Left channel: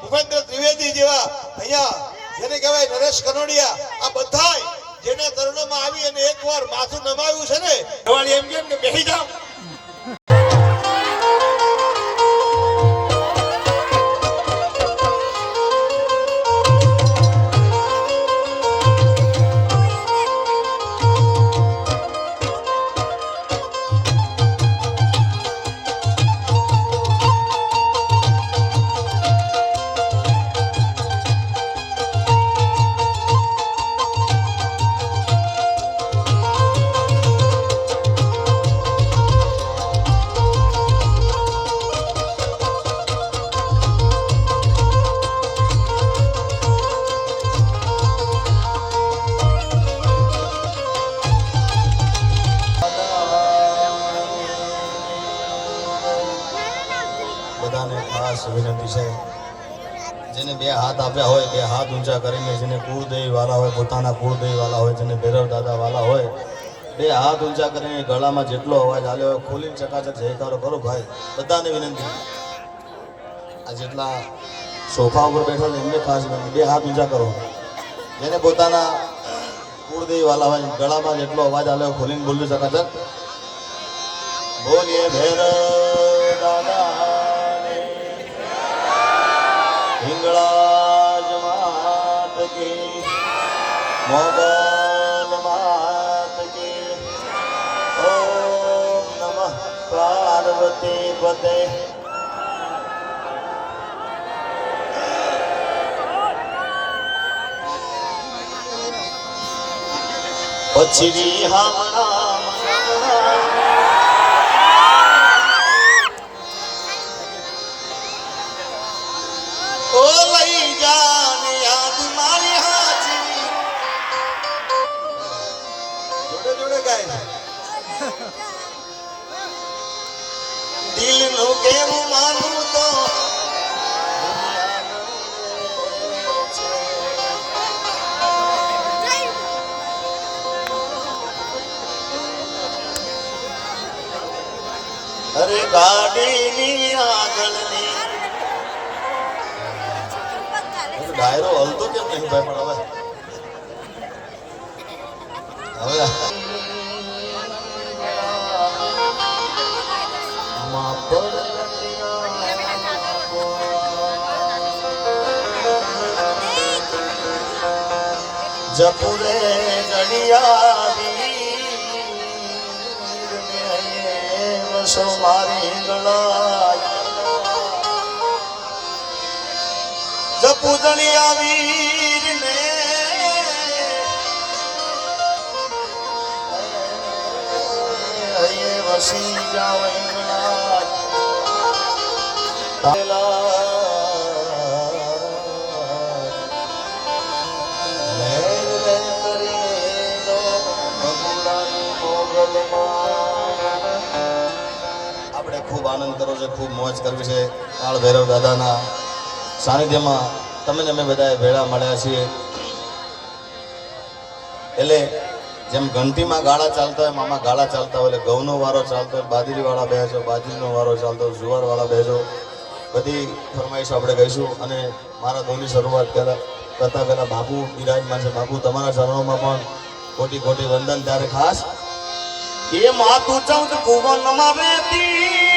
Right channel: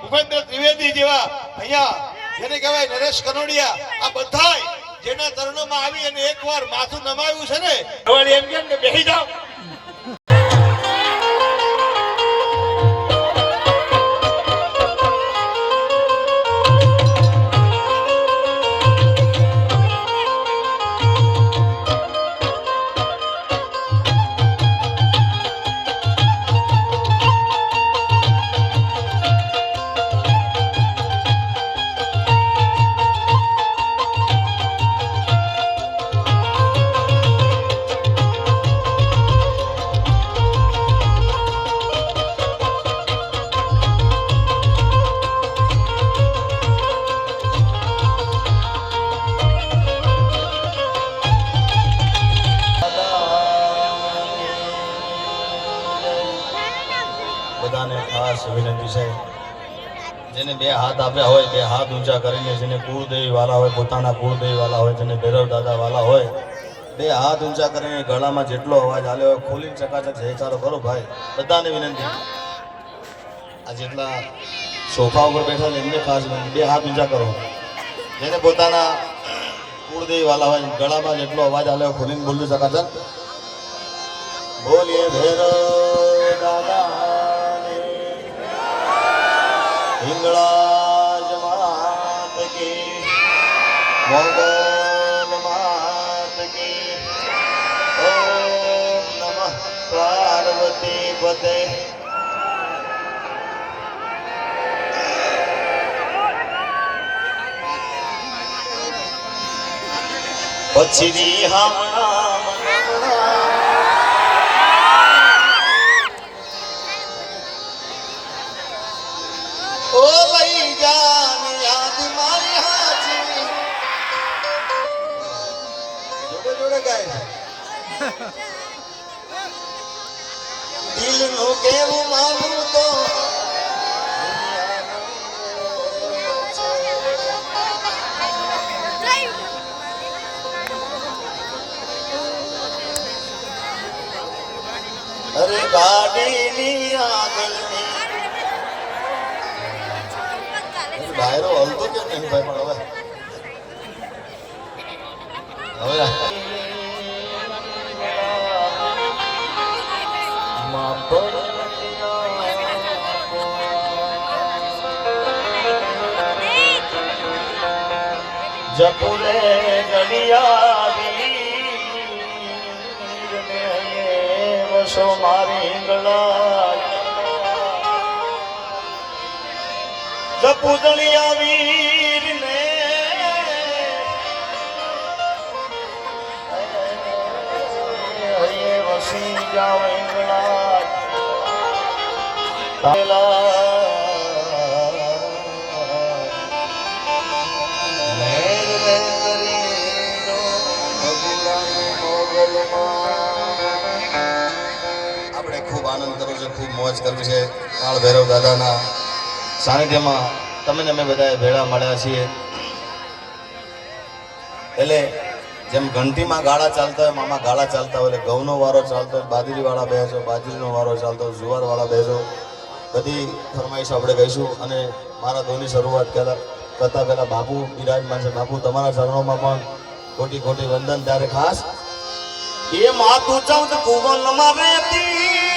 ભૂપેન્દ્ર ત્રિવેદી જેવા અહીંયા જેને કહેવાય નરેશ કનોડિયા, આ બધા જેના ચરણોમાં આવી અને એકવાર માથું નમાયું છે ને એમ કેમ કે બેસી જાઓ. ઊંચા કરીને જેને કુળદેવી વાલા હોય, પોતાના કુળદેવી વાલા હોય, જેને ભેરવ દાદા વાલા હોય, બે હાથ ઊંચા કરીને ગળામાં જેટલો અવાજ હાલ્યો હોય, ખોલીને ચકાચક જયકારો કરો ભાઈ. બધાને વિનંતી. આ જેટલા સોફા ઉપર બેઠા હોય, એમને ખાસ વિનંતી. બે હાથ ઊંચા કરો. જેને પોતાના કુળદેવી વાલા હોય, ગળામાં જેટલો અવાજ હાલ્યો ખોલીને બોલી ચકાચક. બોલીએ ભેરવ દાદાને પાર્વતી પતે પછીની હમણાં ઓ લઈ જાને ગાય દિલનું કેવું માનવું તો અરે ગાડીની આગળની. ડાયરો હલતો કેમ નહીં ભાઈ, પણ હવે. હવે. જપુરે હૈયે વસો મારી ગળા જપુદણિયા વીર ને વસી જાવ એંગળા આનંદ કરવો છે, ખૂબ મોજ કરવી છે કાળ ભૈરવ દાદાના સાનિધ્યમાં. તમે અમે બધા ભેળા મળ્યા છીએ. એટલે જેમ ઘંટીમાં ગાળા ચાલતા હોય મામા ગાળા ચાલતા હોય. એટલે ઘઉંનો વારો ચાલતો હોય બાજરી વાળા બેસો બાજરીનો વારો ચાલતો હોય જુવાર વાળા બેસો બધી ફરમાઈશો આપણે કહીશું અને મારા ધોની શરૂઆત કર્યા કરતા પહેલા બાપુ બિરાજમાન છે. બાપુ, તમારા ચરણોમાં પણ ખોટી ખોટી વંદન. ત્યારે ખાસ એ માતું ચૌદ ભુવનમાં રહેતી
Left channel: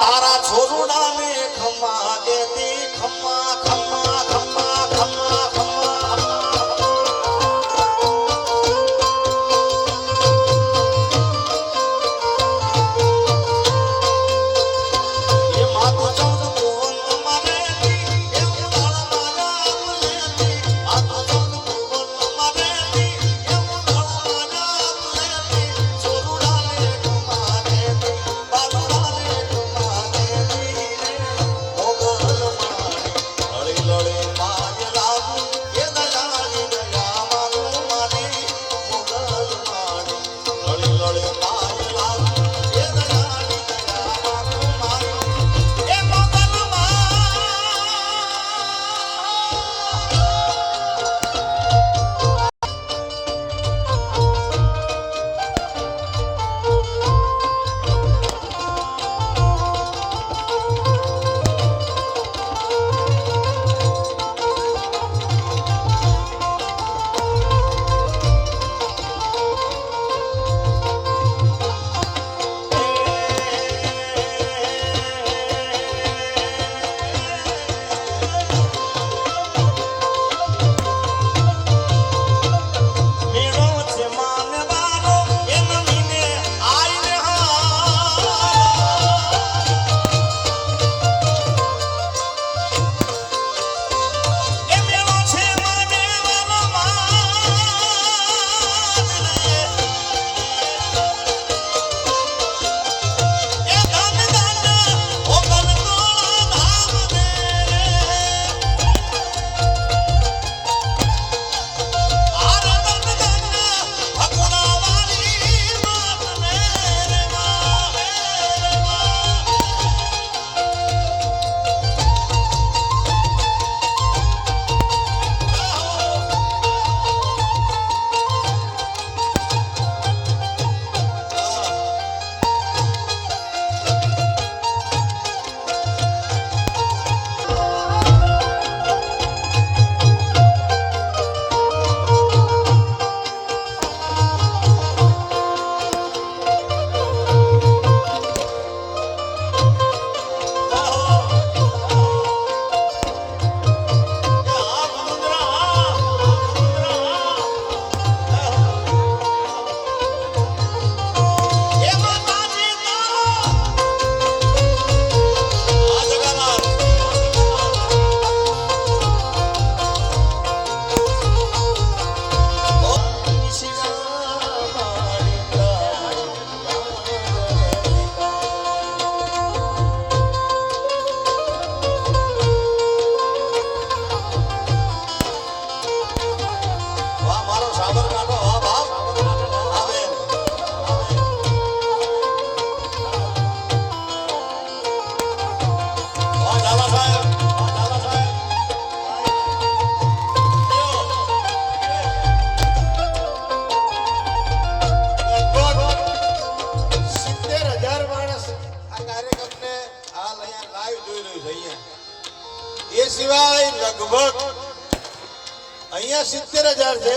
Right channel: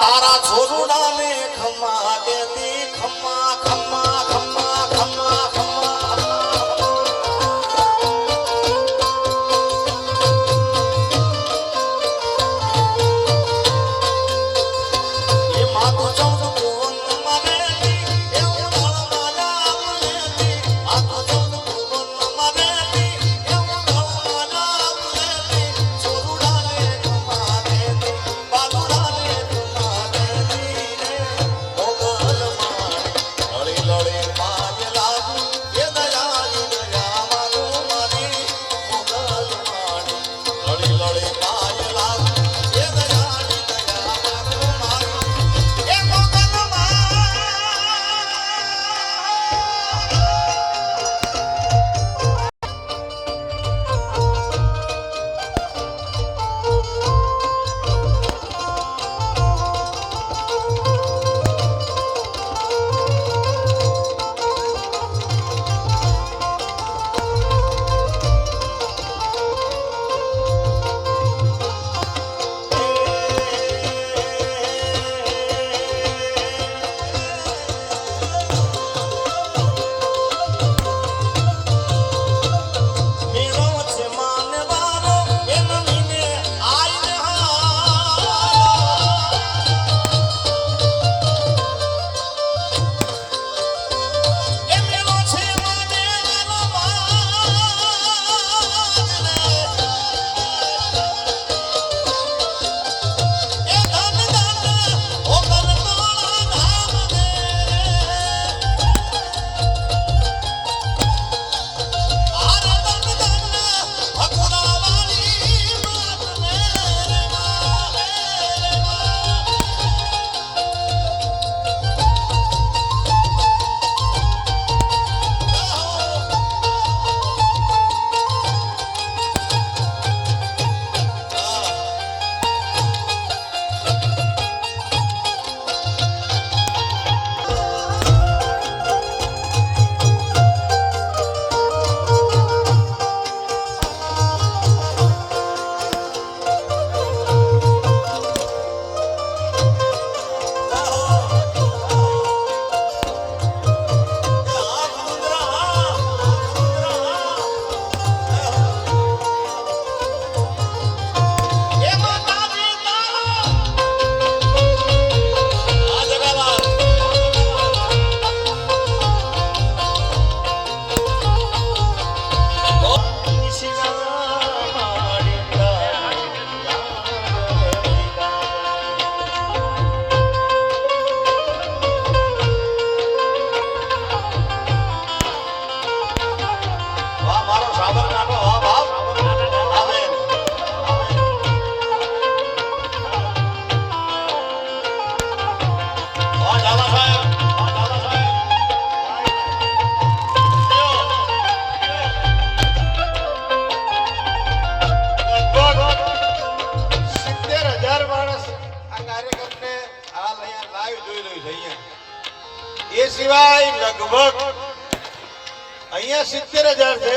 તારા છોરુડાને ખમ્મા એ સિવાય લગભગ અહીંયા સિત્તેર હજાર છે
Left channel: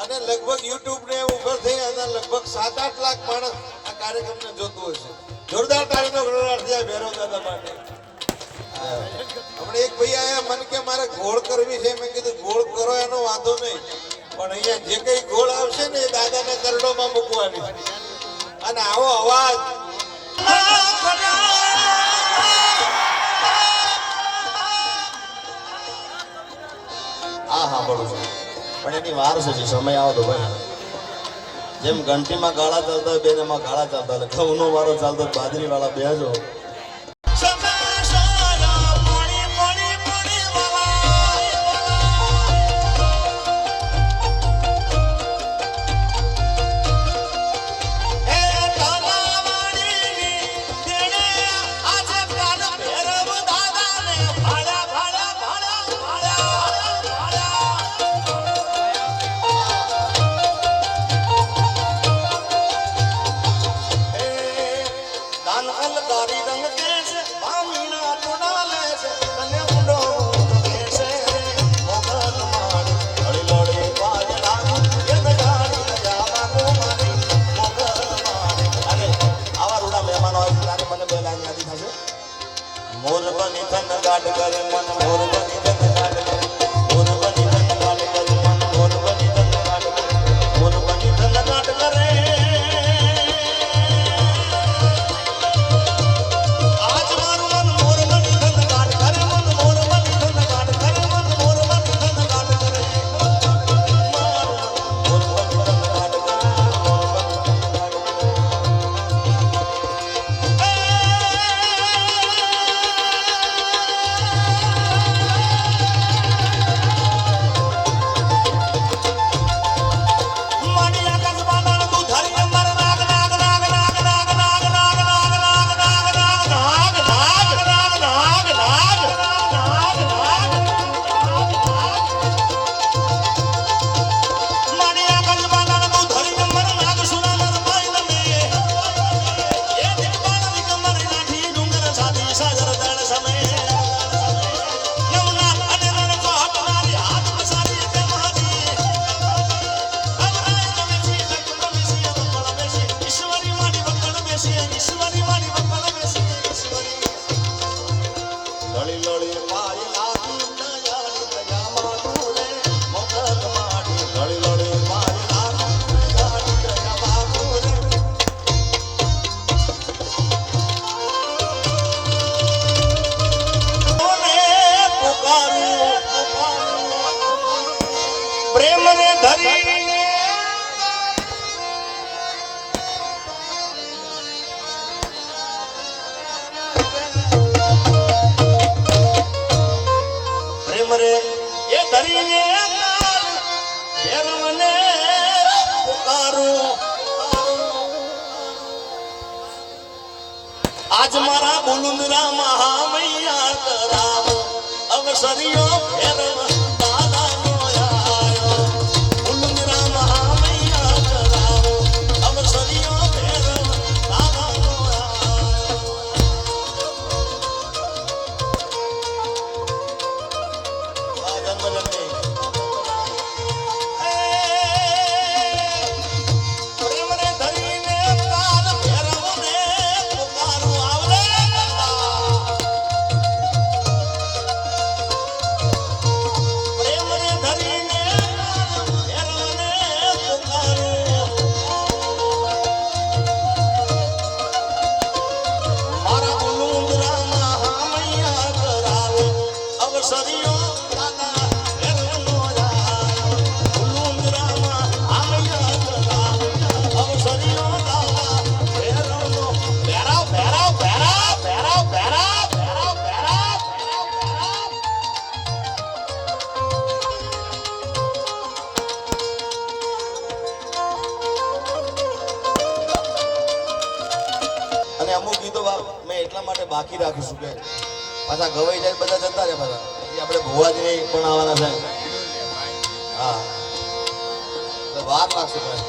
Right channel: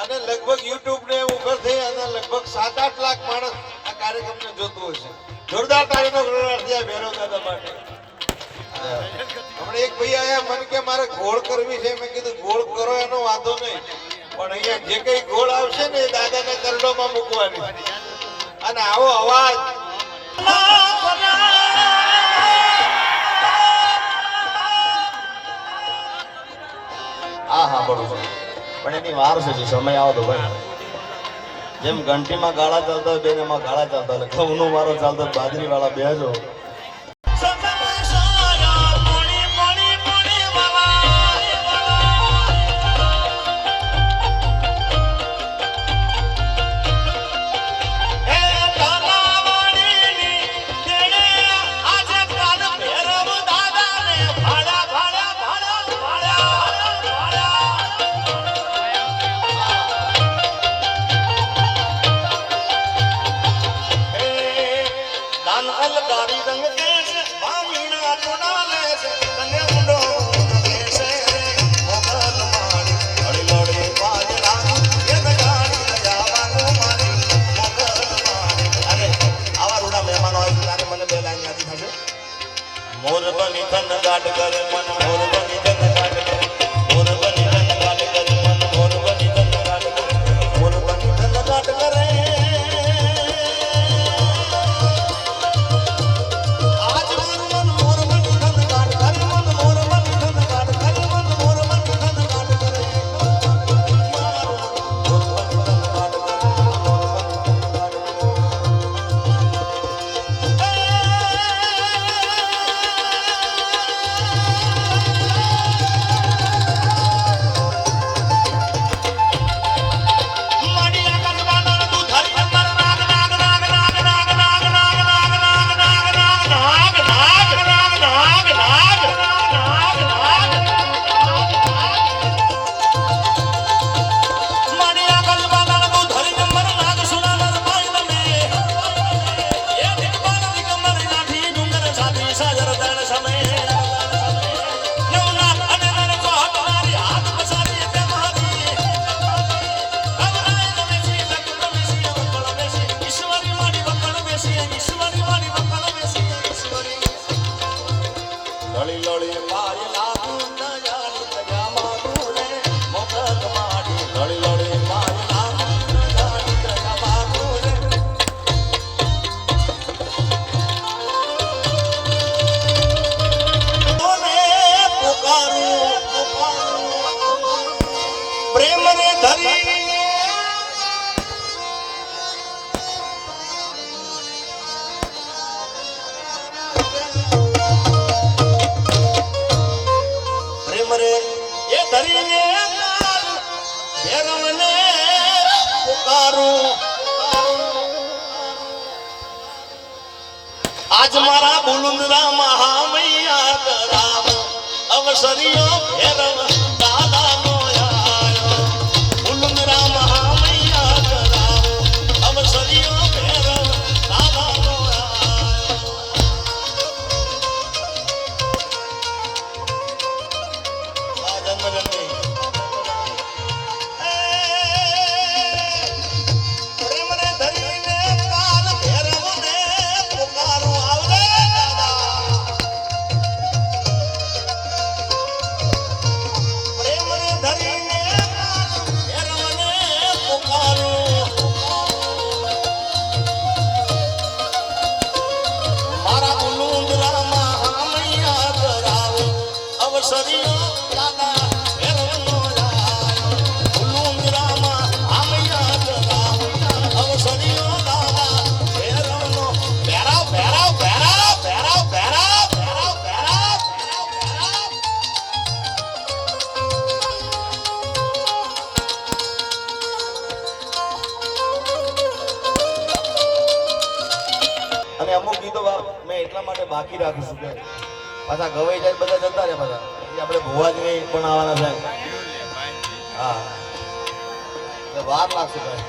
અને લગભગ યુટ્યુબ ને ઉપર થઈ અને લગભગ સાત આઠ લાખ માણસ આ કાર્યક્રમને જોતું હશે જોરદાર તાળીનો ગણરાટ આ ભૈરવ દાદા માટે. હમણાં એક ભાઈ આયા મને કે મારે ગોળ કરવી છે. મેં કીધું, ગોળ કરો, એનો વાંધો નહીં. પણ અહીંયા જે કઈ ગોળ આવશે ને એ દાદાને ચરણોમાં મૂકવાની. અને આવો અવાજ. આ સાંભળું છું પણ એની વાર છે સમય આવો તો ભાઈ જેમ ઘંટીમાં ગાળા ચાલતા હોય, બેન એમાં ગાળા ચાલતા એટલે ઘઉંનો વારો ચાલતો બાજરી વાળા બેજો Gracias અને અમુક ગીતો મેં એટલા માટે બાકી રાખું કે પાછા ગવાઈ જાય બધા જતા રહે પાછા પછી આપણે ભુવાજી પણ આવવાના છે હા એટલે વાર લાગશે ભાઈ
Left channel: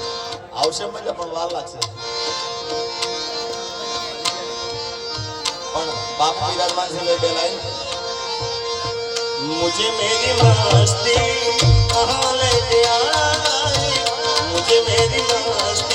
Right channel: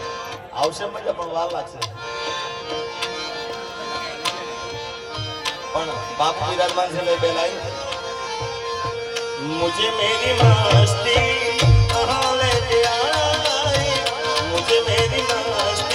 આવશે મજા પણ વાર લાગશે પણ બાપુ વિરાજમાન છે એટલે બે લાઈન मुझे मेरी मस्ती कहाँ लेके आई मुझे मेरी मस्ती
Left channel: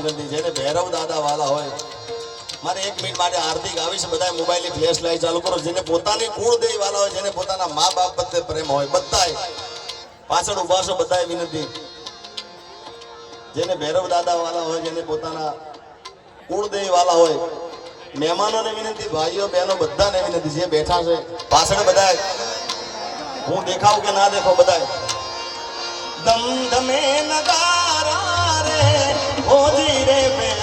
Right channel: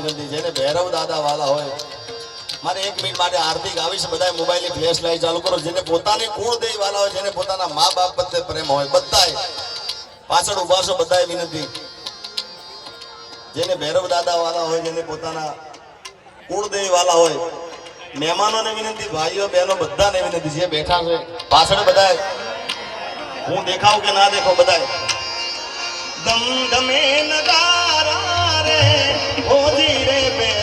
બધાને છે ને ભૈરવ દાદા વાલા હોય. મારે એક મિનિટ માટે હાર્દિક આવીશ બધા મોબાઈલની ફ્લેશ લાઈટ ચાલુ કરો. જેને પોતાની કુળદેવી વાલા હોય, જેને પોતાના મા બાપ પ્રત્યે પ્રેમ હોય, બધાય પાછળ ઊભા છો, બધાય વિનંતી. જેને ભૈરવ દાદા વાલા હોય, જેને પોતાના કુળદેવી વાલા હોય, મહેમાનોને વિનંતી, ભાઈઓ, બહેનો, બધાને વિનંતી, જે બેઠા છે, પાછળ બધાય. હું દેખાવ કે ના દેખાવ, બધાય. દમ દમે નગારા રે অধীরে বেড়ে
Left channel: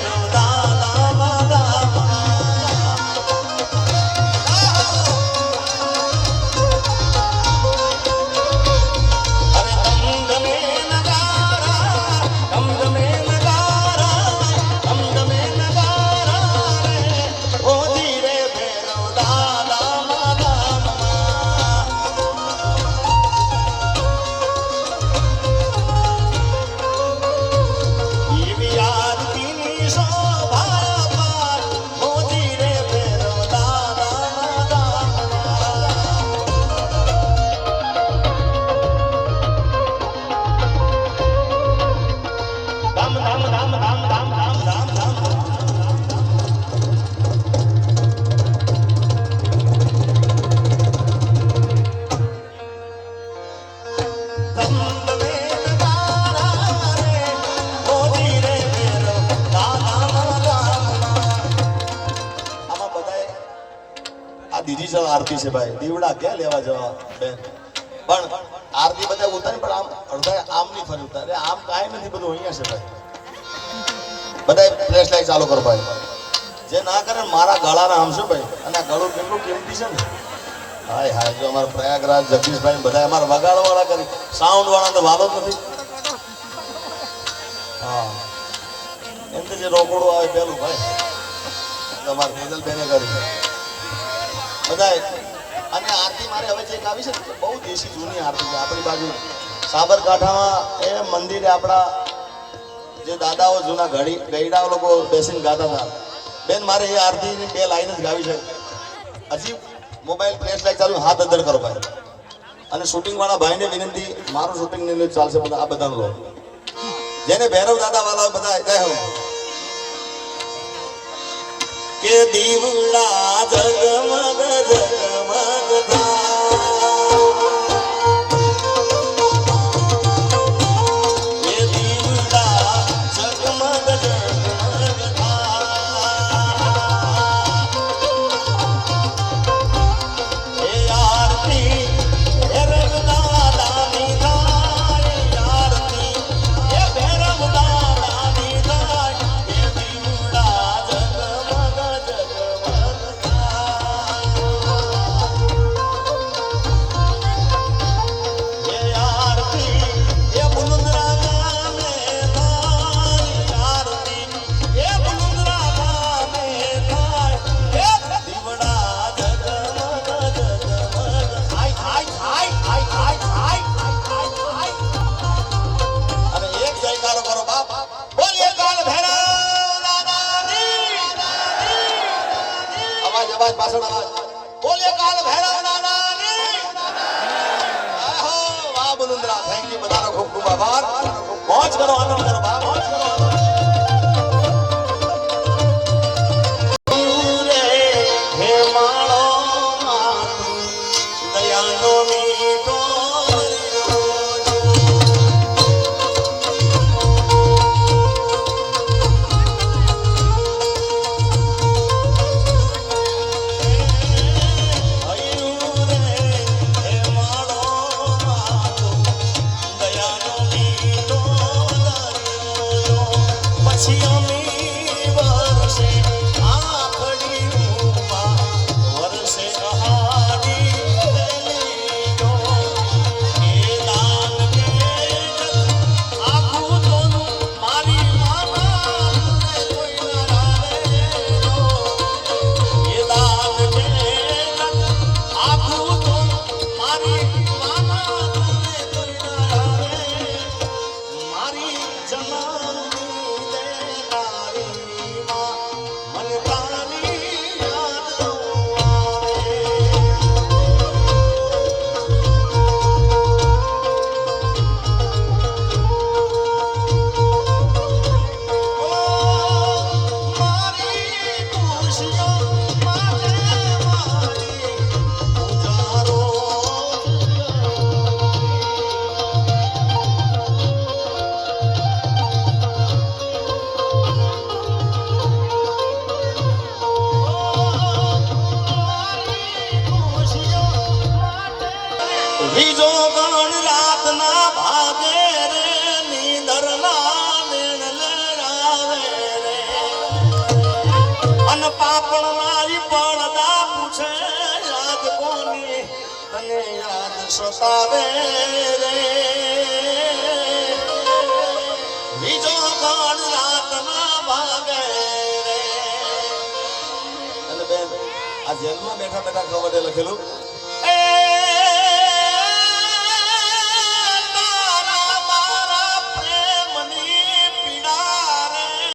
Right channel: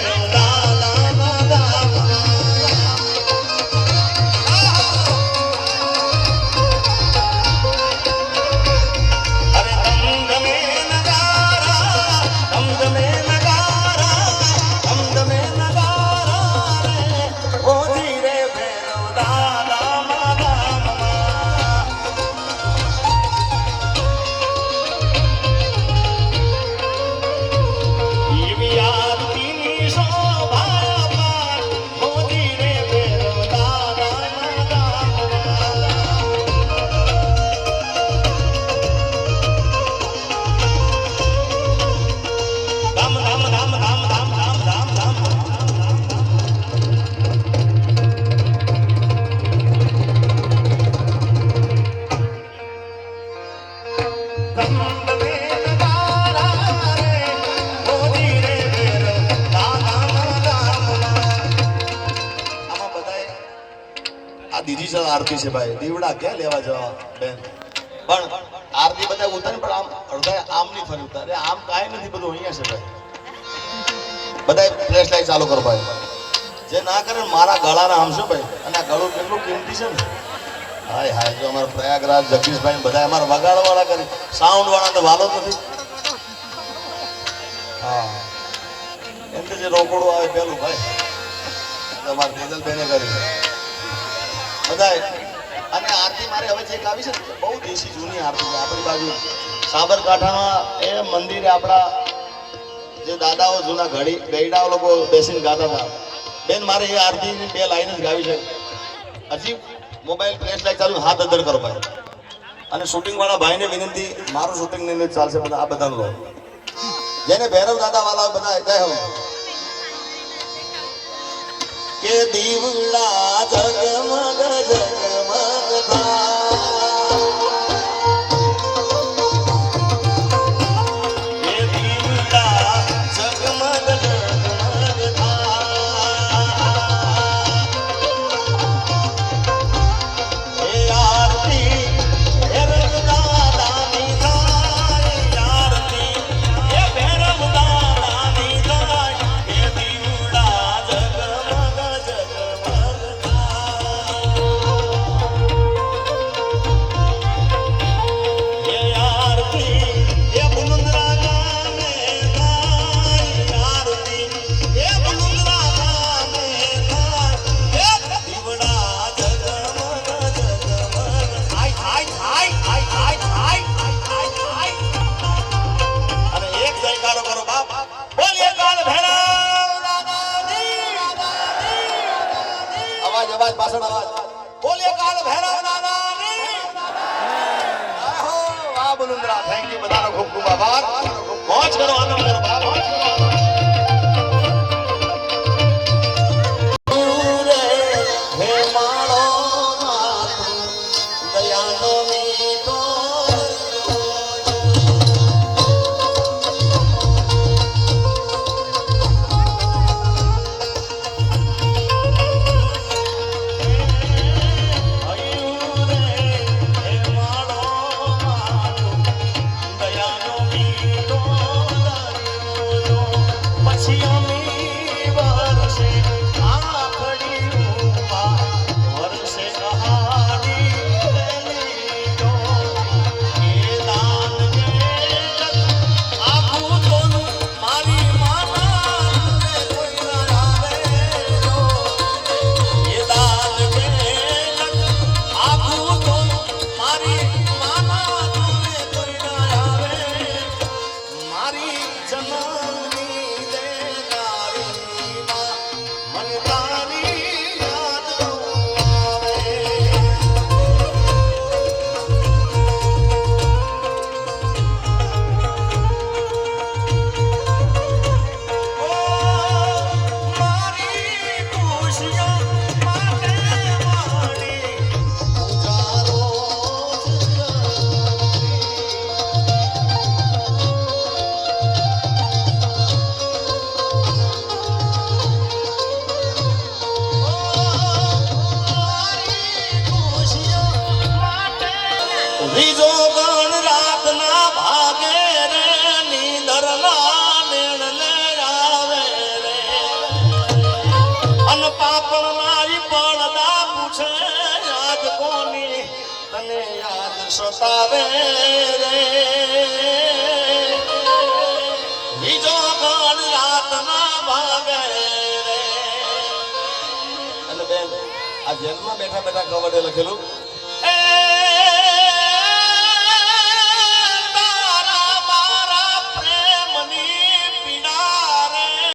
દીદી છે ભાઈ. દીવડા ક્યાં લેવા જવા, બેન? પણ આરતી બધા ઉતારી, પણ આમ અડધા આમ નહીં ફરી ઉતારે આમ કાંઈ નથી બધું અહીંયા છે ભાઈ. બધા ફ્લેશ લાઈટ ચાલુ કરો ભાઈ. જે ના કરે મારા ગળાના આમ શું ભાઈ? અને ગળું કેટલું કિંમતી છે ને? હાય હાય, જો અમારા પ્રયાગરાજ જગદીશભાઈ બધા અમારા વગાડવાળા કરી. સાઉન્ડ વાળા તો વાલો નથી. હા. એમ જે રોકડું આવે પેલું ભાઈ. તમારે ફેજલ બેને કરી. બધાય અને આરતી મારે હવે જે ગાવી છે ને, બહુ દેશી જૂની આરતી છે આપણી બાજુ. સાબરકાંઠામાં એ મંદિરે આપણા જે દાદાઓ જૂના ઘડી ગઈડાઓ લોકો બેસીને ગાતા હતા. બેન, મારે એ આરતીની બે લાઈન જ ગાવી છે. હજી મોબાઈલ ફ્લેશ લાઈટ ચાલુ હાથ અદર કરો ભાઈ. અને શૂટિંગ વાળા ભાઈને વિનંતી, મારું શૂટિંગ ને ચાલશે બધા, આ બધાનું લો જેને ભૈરવ દાદા વાળા બધા કહે હું. કે દીવડા જગમગ પોસાવે બીજો કોણ રાતના ભાગે અને બેન આ જેલમાં બેઠા બેઠા કવડે લખેલું?